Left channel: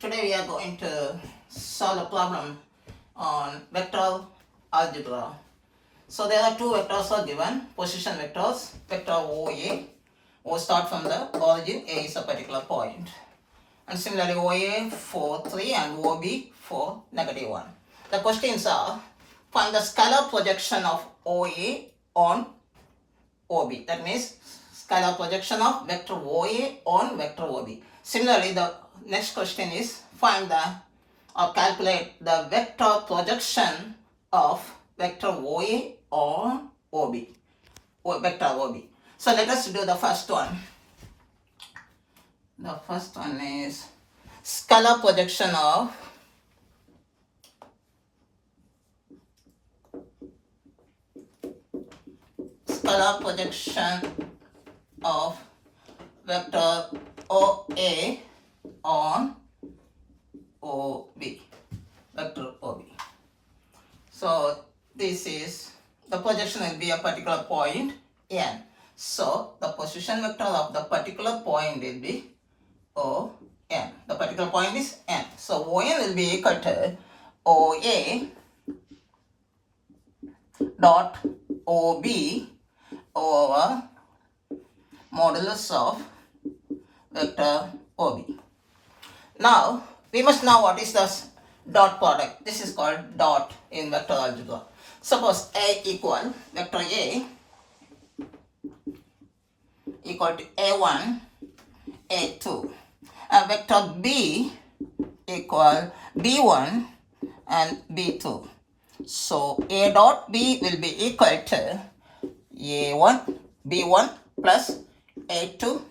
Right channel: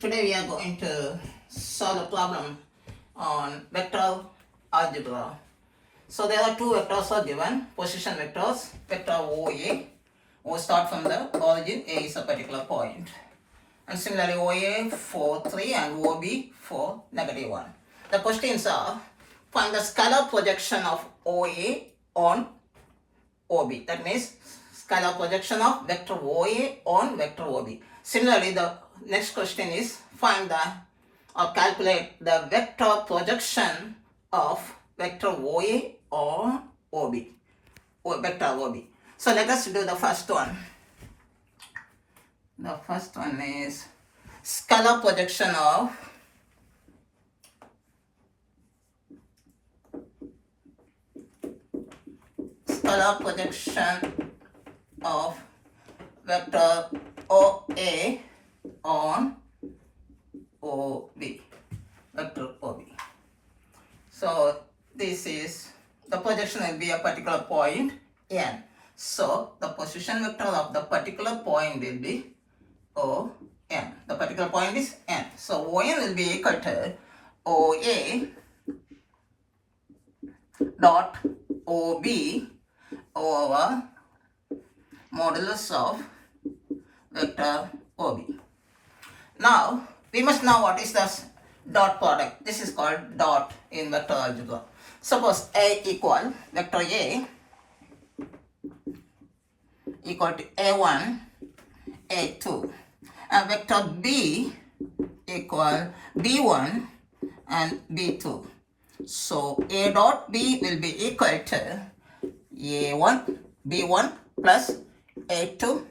Today we are going to solve a problem on vector algebra. So there are two vectors are given, position vectors, vector OA. We start from the origin, A is a particular point. And similarly OA for 3 and OB for -1. The questions are, find the scalar projection of OA on OB. That means scalar projection of vector OA on vector OB. Similarly, the next question is, find the or calculate the vector projection of vector OA on OB, or vector OB. So let us do the first one. The first one is scalar projection of vector OA on OB, vector OB. So this is, the projection will be a particular point N. So the position vector of the particular point will be ON. The particular point is N. So ON will be equal to OA dot OB over modulus of vector OB. Now we must know what is the dot product. This is called dot in vector algebra. Suppose A equal vector A equal to A1, A2, and vector B equal B1 and B2. So A dot B will be equal to A1, B1 plus A2,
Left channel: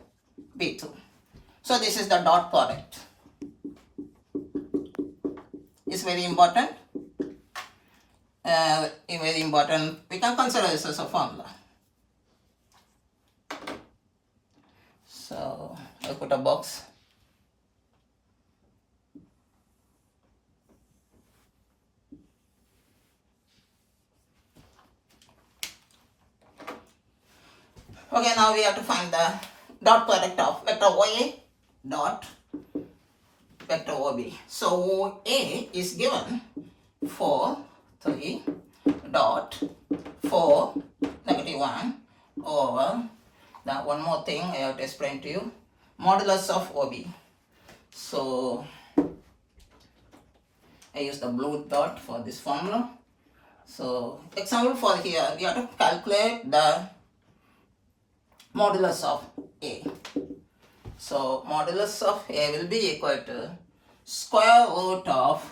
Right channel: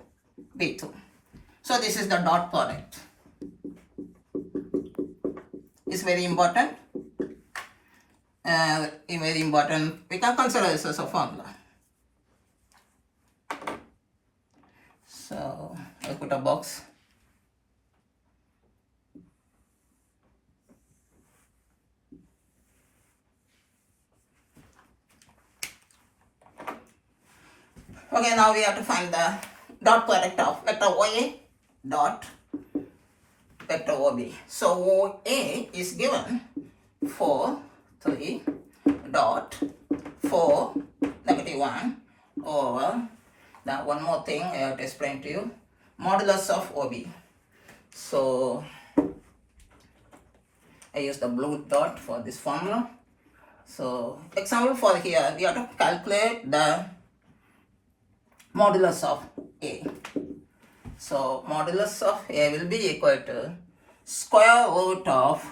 B2. So this is the dot product. It's very important. Very important. We can consider this as a formula. So I'll put a box. Okay, now we have to find the dot product of vector OA dot vector OB. So OA is given 4, 3 dot 4, -1 over the one more thing I have to explain to you, modulus of OB. So I use the blue dot for this formula. So example for here, we have to calculate the modulus of A. So modulus of A will be equal to square root of,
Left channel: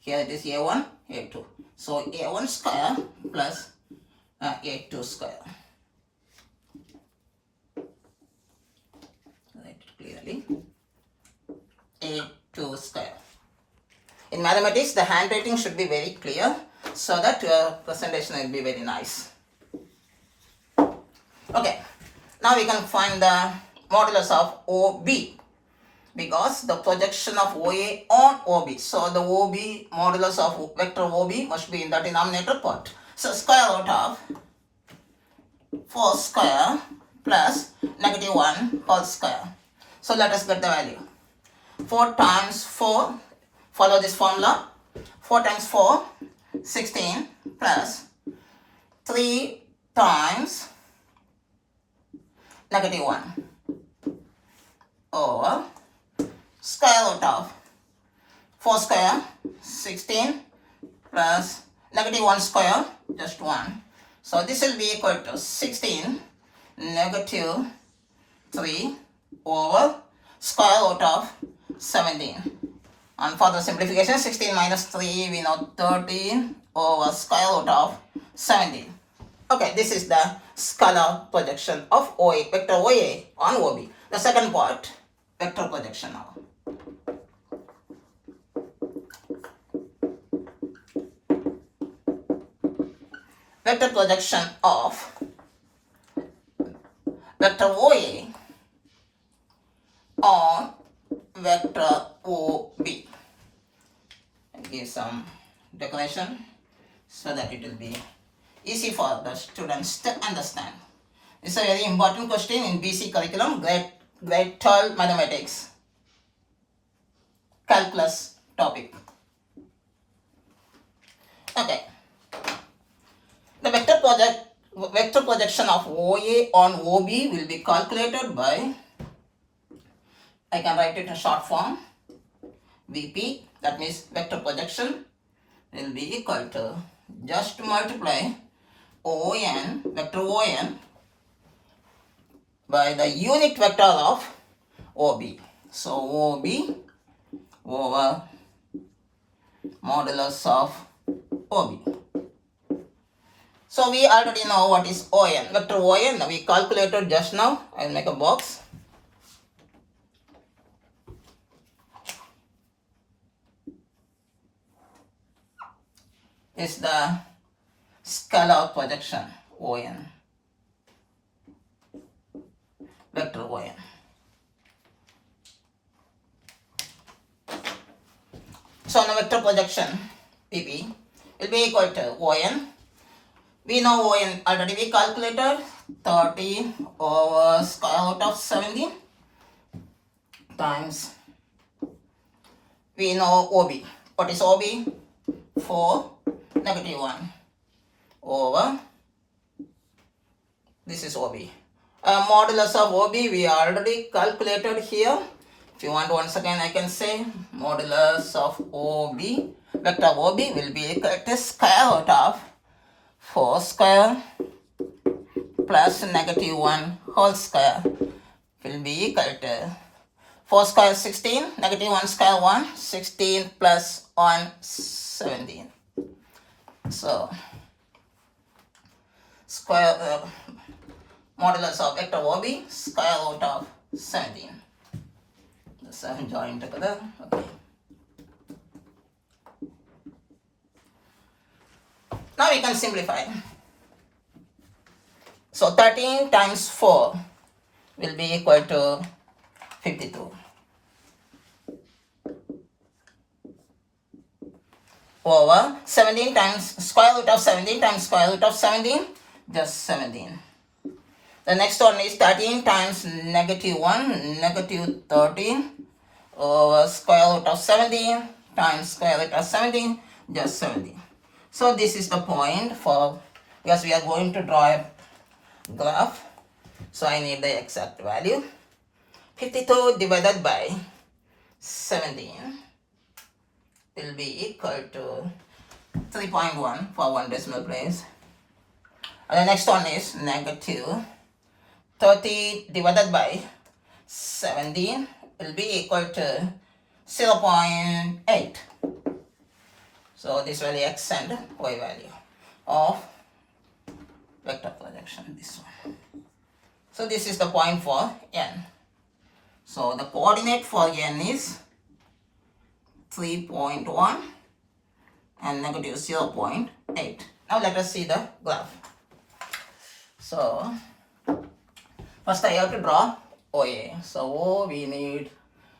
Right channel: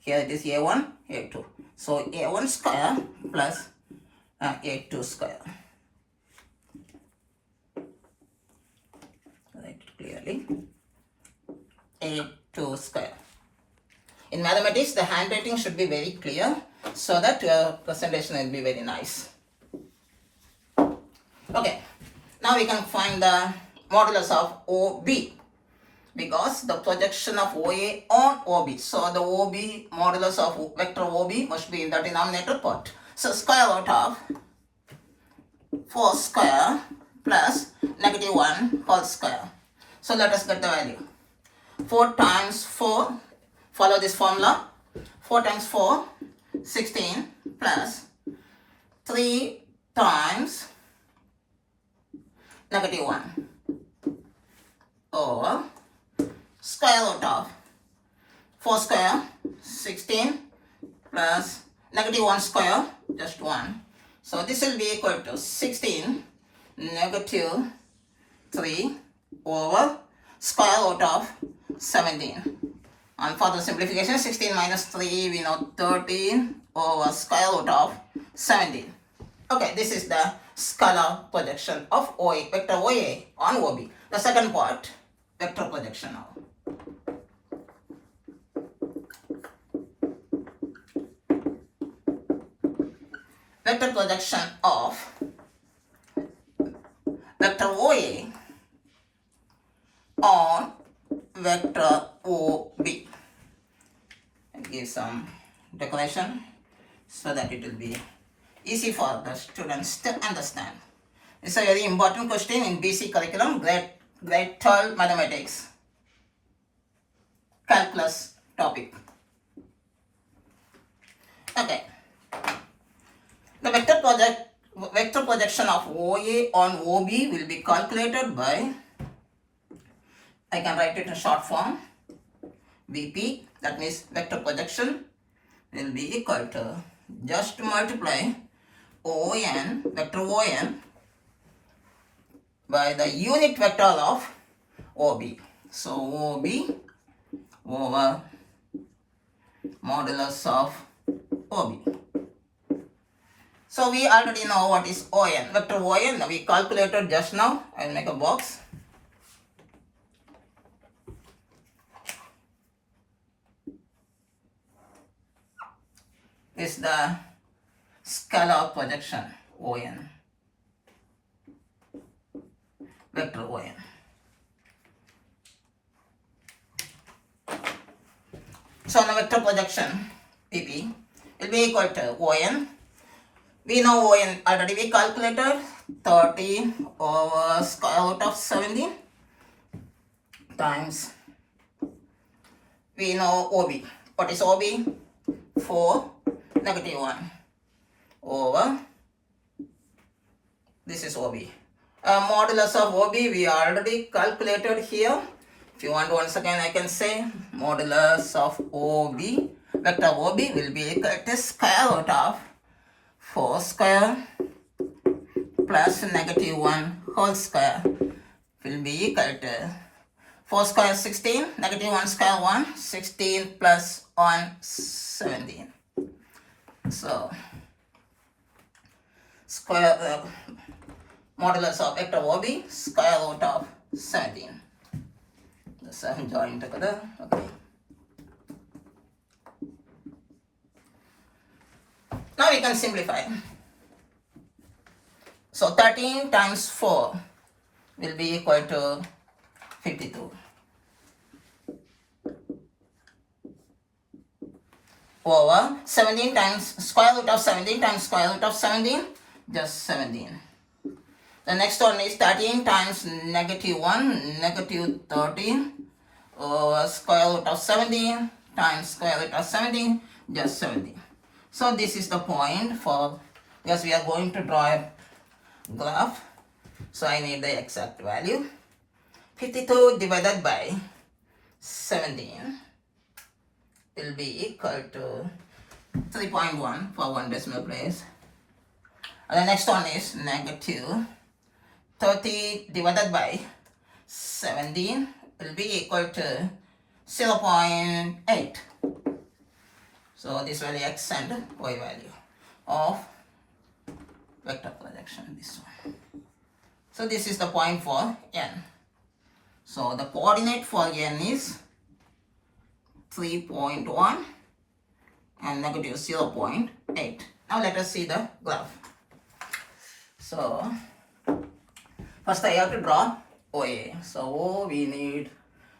here it is A1, A2. So A1 square plus A2 square. Write it clearly. A2 square. In mathematics, the handwriting should be very clear so that your presentation will be very nice. Okay, now we can find the modulus of OB, because the projection of OA on OB. So the OB modulus of vector OB must be in the denominator part. So square root of 4 square plus -1 whole square. So let us get the value. 4 times 4, follow this formula. 4 times 4, 16 plus 3 times -1 over square root of 4 square, 16 plus -1 square, just 1. So this will be equal to 16 -3 over square root of 17. And for the simplification, 16 minus 3, we know 13 over square root of 17. Okay, this is the scalar projection of OA, vector OA on OB. The second part, vector projection now. Vector projection of vector OA on vector OB. I'll give some decoration so that it will be easy for the students to understand. It's a very important question in BC curriculum, grade 12 mathematics. calculus topic. Okay. The vector projection of OA on OB will be calculated by, I can write it in short form, VP, that means vector projection will be equal to just multiply ON, vector ON, by the unit vector of OB. So OB over modulus of OB. So we already know what is ON. Vector ON we calculated just now. I will make a box. Is the scalar projection ON. Vector ON. So now vector projection PP will be equal to ON. We know ON already we calculated 30 over square root of 17 times, we know OB. What is OB? 4 negative 1 over, this is OB. Modulus of OB we already calculated here. If you want once again I can say modulus of OB, vector OB will be equal to square root of 4 square plus negative 1 whole square will be equal to 4 square 16, negative 1 square 1, 16 plus 1, 17. So square modulus of vector OB square root of 17. The 7 join together. Okay. Now we can simplify. So 13 times 4 will be equal to 52. Over 17 times square root of 17 times square root of 17, just 17. The next one is 13 times negative 1, negative 13 over square root of 17 times square root of 17, just 17. So this is the point for, because we are going to draw a graph. So I need the exact value. 52 divided by 17 will be equal to 3.1 for one decimal place. And the next one is negative 30 divided by 17 will be equal to 0.8. So this will extend y value of vector projection, this one. So this is the point for n. So the coordinate for n is 3.1 and negative 0.8. Now let us see the graph. So first I have to draw OA. So O we need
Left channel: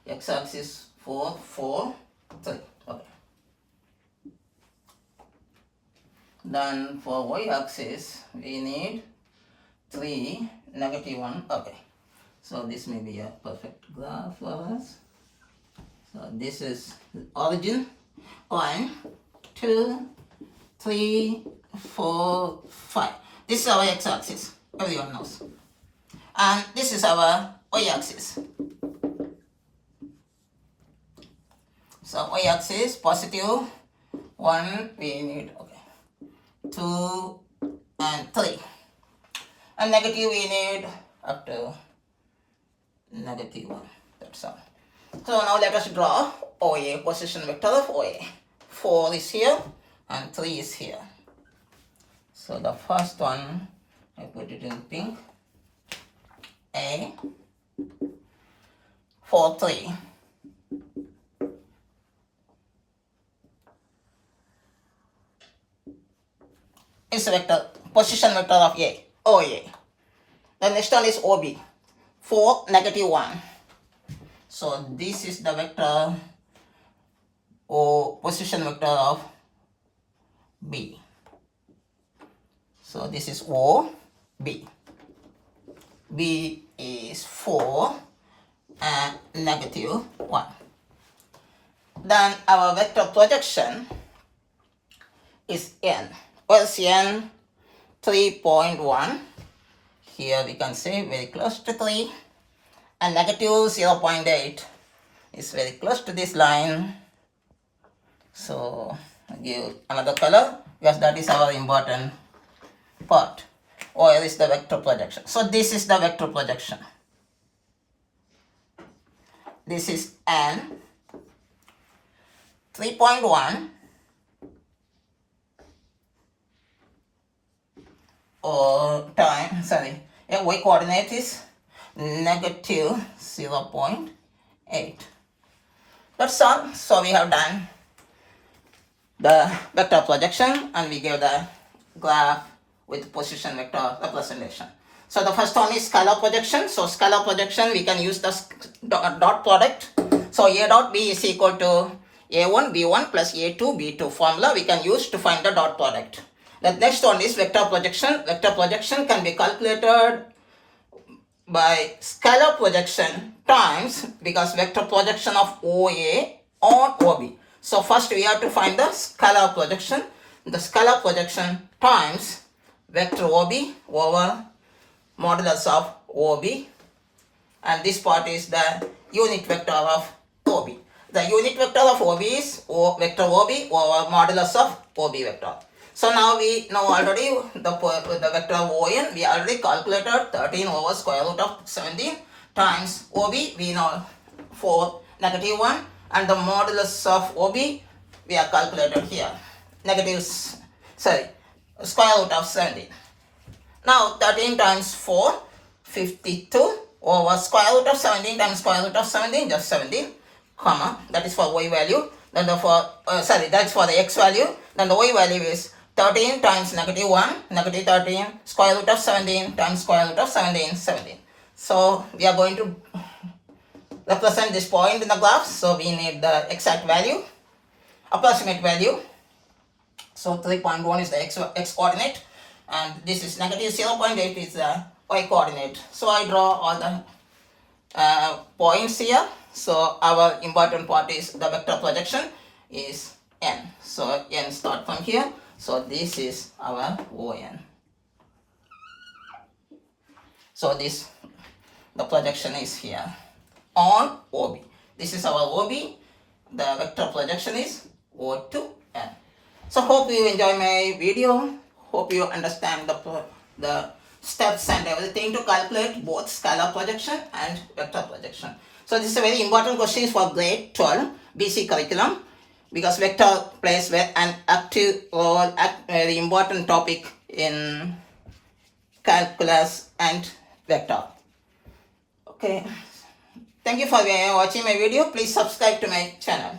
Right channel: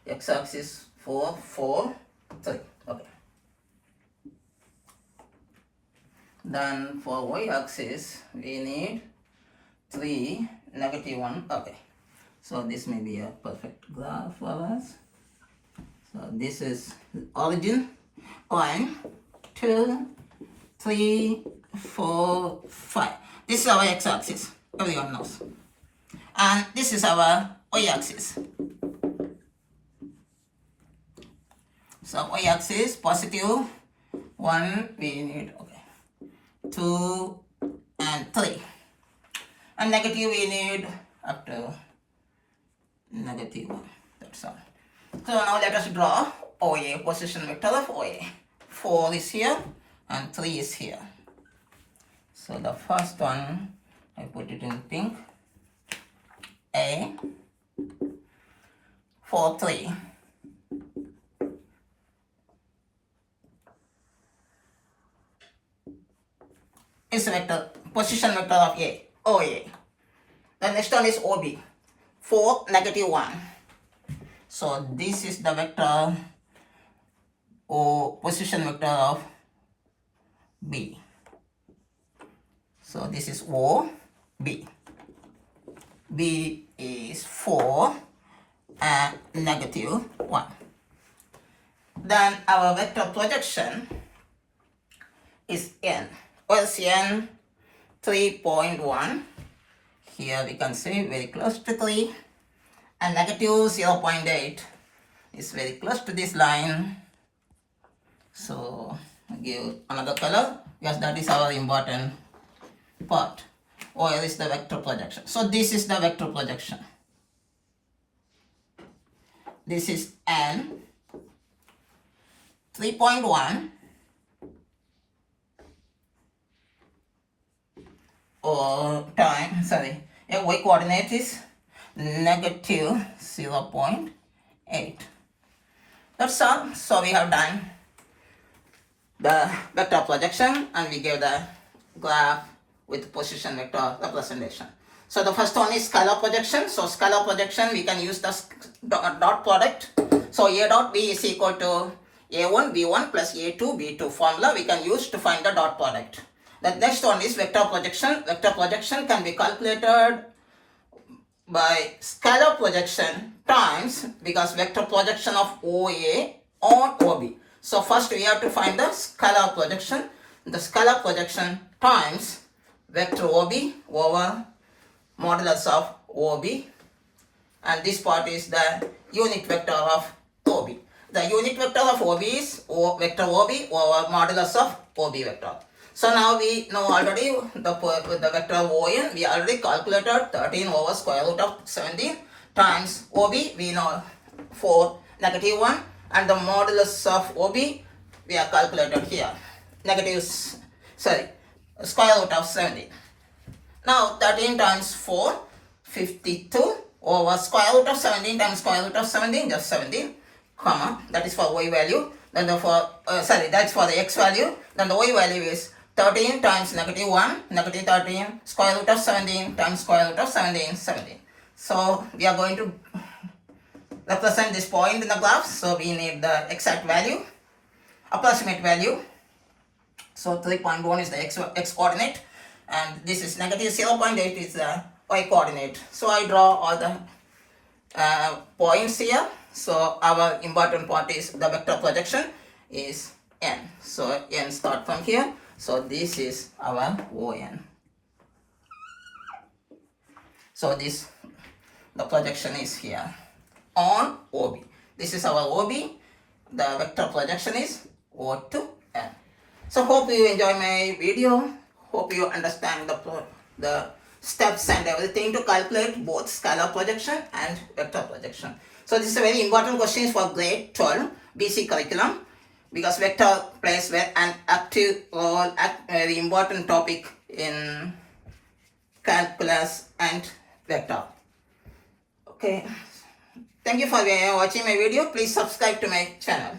x-axis 4, 4, 3. Okay. Then for y-axis we need 3, negative 1. Okay. So this may be a perfect graph for us. So this is origin. 1, 2, 3, 4, 5. This is our x-axis. Everyone knows. And this is our y-axis. So y-axis positive 1 we need, okay, 2 and 3. And negative we need up to negative 1. That's all. So now let us draw OA, position vector of OA. 4 is here and 3 is here. So the first one, I put it in pink. A, 4, 3. Is vector, position vector of A, OA. The next one is OB, 4, negative 1. So this is the vector or position vector of B. So this is O, B. B is 4 and negative 1. Then our vector projection is n. Where's n? 3.1. Here we can say very close to 3. And negative 0.8 is very close to this line. So give another color because that is our important part. Where is the vector projection? So this is the vector projection. This is n 3.1 or time, sorry, y coordinate is negative 0.8. That's all. So we have done the vector projection and we give the graph with position vector representation. So the first one is scalar projection. So scalar projection, we can use the dot product. So A dot B is equal to A1 B1 plus A2 B2 formula we can use to find the dot product. The next one is vector projection. Vector projection can be calculated by scalar projection times, because vector projection of OA on OB. So first we have to find the scalar projection. The scalar projection times vector OB over modulus of OB, and this part is the unit vector of OB. The unit vector of OB is vector OB over modulus of OB vector. So now we know already the vector ON, we already calculated 13 over square root of 17 times OB, we know 4 negative 1, and the modulus of OB we are calculated here, square root of 17. Now 13 times 4, 52 over square root of 17 times square root of 17, just 17, comma, that is for y value. Then that's for the x value. Then the y value is 13 times negative 1, negative 13, square root of 17 times square root of 17, 17. So we are going to represent this point in the graph. So we need the exact value, approximate value. So 3.1 is the x coordinate, and this is negative 0.8 is the y coordinate. So I draw all the points here. So our important part is the vector projection is n. So n start from here. So this is our ON. So the projection is here on OB. This is our OB. The vector projection is O to N. So hope you enjoy my video. Hope you understand the steps and everything to calculate both scalar projection and vector projection. So this is a very important question for grade 12 BC curriculum, because vector plays an active role, very important topic in calculus and vector. Okay. Thank you for watching my video. Please subscribe to my channel.